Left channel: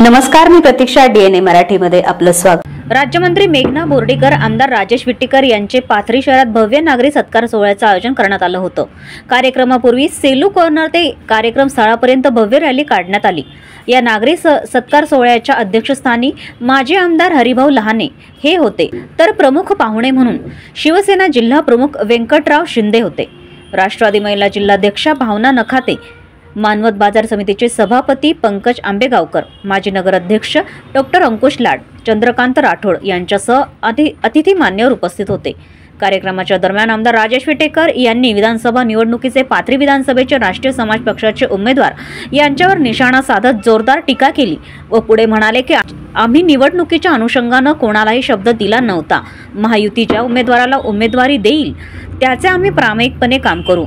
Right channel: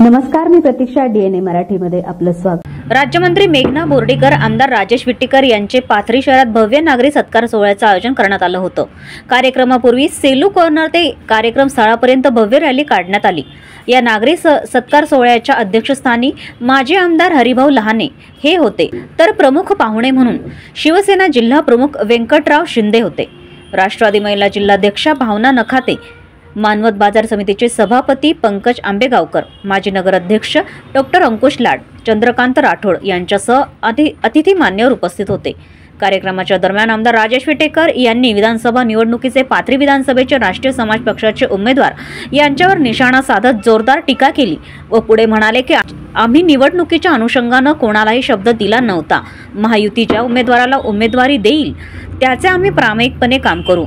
नमस्कार, मी प्रतीक्षा. DNA मराठीमध्ये आपलं स्वागत. राज्यमंत्री मेघना बोर्डीकर, आमदार राजेश विट्टीकर यांचे पाथरी शहरात भव्य नागरी सत्कार सोहळ्याचं आयोजन करण्यात आलं होतं. कार्यक्रमापूर्वी सेलू कॉर्नर ते कार्यक्रम स्थळापर्यंत भव्य रॅली काढण्यात आली. या नागरी सत्कार सोहळ्याच्या अध्यक्षस्थानी माजी आमदार हरिभाऊ लहाने हे होते, तर प्रमुख पाहुणे म्हणून शिवसेना जिल्हा प्रमुख व्यंकटराव शिंदे होते. राष्ट्रवादी महिला जिल्हाध्यक्षा भावना नखाते, मानवत बाजार समितीचे सभापती पंकज आंबेगावकर, माजी नगराध्यक्ष डॉक्टर अंकुश लाड, चंद्रकांत राठोड यांच्यासह अतिथी मान्यवर उपस्थित होते. कार्यक्रमाच्या दरम्यान आमदार राजेश विट्टीकर यांनी विधानसभा निवडणुकीचे पाथरी विधानसभेचे राष्ट्रीय समाज पक्षाचे उमेदवार यांच्यावर निशाणा साधत जोरदार टीका केली व पुढे म्हणाले की आम्ही निवडणुकीच्या अनुषंगाने कोणालाही शब्द दिला नव्हता. महायुती ज्या उमेदवाराला उमेदवारी देईल त्याचे आम्ही प्रामाणिकपणे काम करू.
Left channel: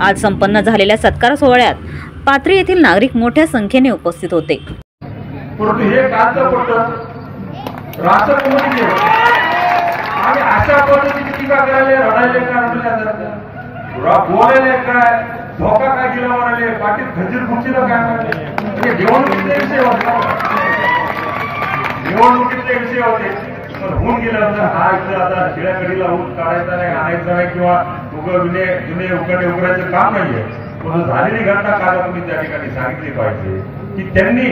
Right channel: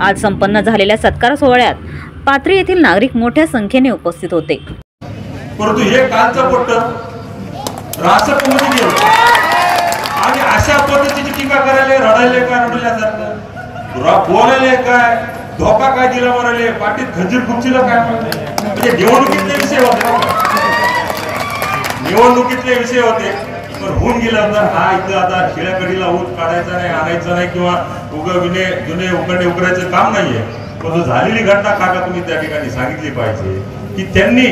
आज संपन्न झालेल्या सत्कार सोहळ्यात पाथरी येथील नागरिक मोठ्या संख्येने उपस्थित होते. परंतु हे कालचा पट्ट रासपमध्ये आणि अशा पद्धतीची टीका करायला रडायले काय रडल्यासारखं बोलायला काय धोका काय दिला म्हणाले पाठीत खंजीर खुर्चीला काय म्हणजे निवडणुकीतले विषय होते. निवडणुकीतले विषय होते पण होऊन गेलं तर हा इथं आता खेड्याकडीला ऊत काढायचा नाही, आणायचा नाही किंवा जुने उकडे उकरायचं काम नाहीये. पण झालेली घटना काका तुम्ही त्या ठिकाणी सांगितली पाहिजे की त्यांनी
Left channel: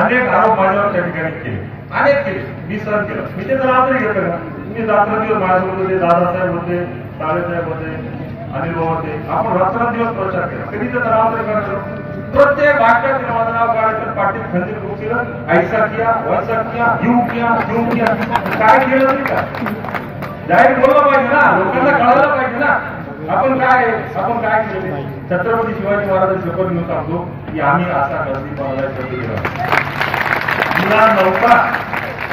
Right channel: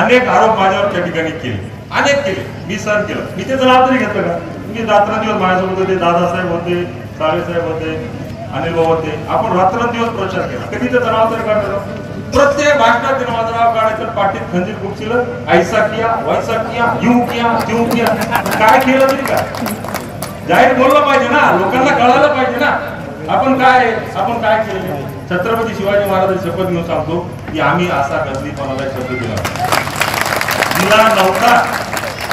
अनेक आरोप माझ्यावर त्या ठिकाणी केले, अनेक केले, मी सहन केलं. मी त्याचं नाव तरी घेतलं का? मी रात्रंदिवस माझ्यासोबत होते, दादासाहेब होते, साहेब होते, अनिल भाऊ होते. आपण रात्रंदिवस प्रचार केला. कधी त्याचं नाव तरी काढलं? प्रत्येक भाषणात ते माझं नाव काढायचं, पाठीत खंजीर खुर्चीलं, ऐसा किया वैसा किया, यूं किया काय केलं तरी काय जाहीर बोललं पाहिजे ना, लोकांना कळायला पाहिजे ना आपण काय केलं. छत्रपती शिवाजी महाराजांची शपथ घेऊन सांगतो की आम्ही असा गजनीपणाला शब्द दिला नव्हता.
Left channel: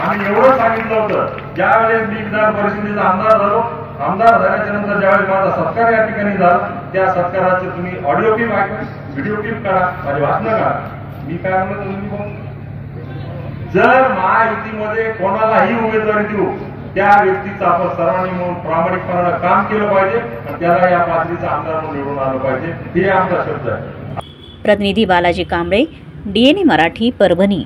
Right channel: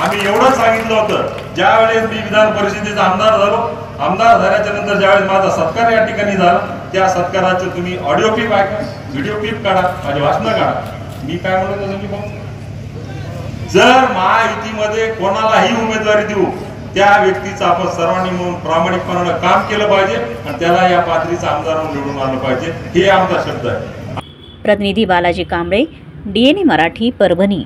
आम्ही एवढं सांगितलं होतं ज्या वेळेस मी विधान परिषदेचा आमदार झालो. आमदार झाल्याच्या नंतर ज्यावेळेस माझा सत्कार या ठिकाणी झाला त्या सत्काराचं तुम्ही ऑडिओ क्लिप ऐका, व्हिडिओ क्लिप काढा, माझी भाषणं काढा. मी काय म्हणत होतो, मी जर महायुतीमध्ये कोणालाही उमेदवारी देऊ त्या व्यक्तीचं आपण सर्वांनी म्हणून प्रामाणिकपणानं काम केलं पाहिजे आणि त्याला या पाथरीचा आमदार म्हणून निवडून आलं पाहिजे. हे आमचा शब्द आहे. प्रतिनिधी बालाजी कांबळे, DNA मराठी, परभणी.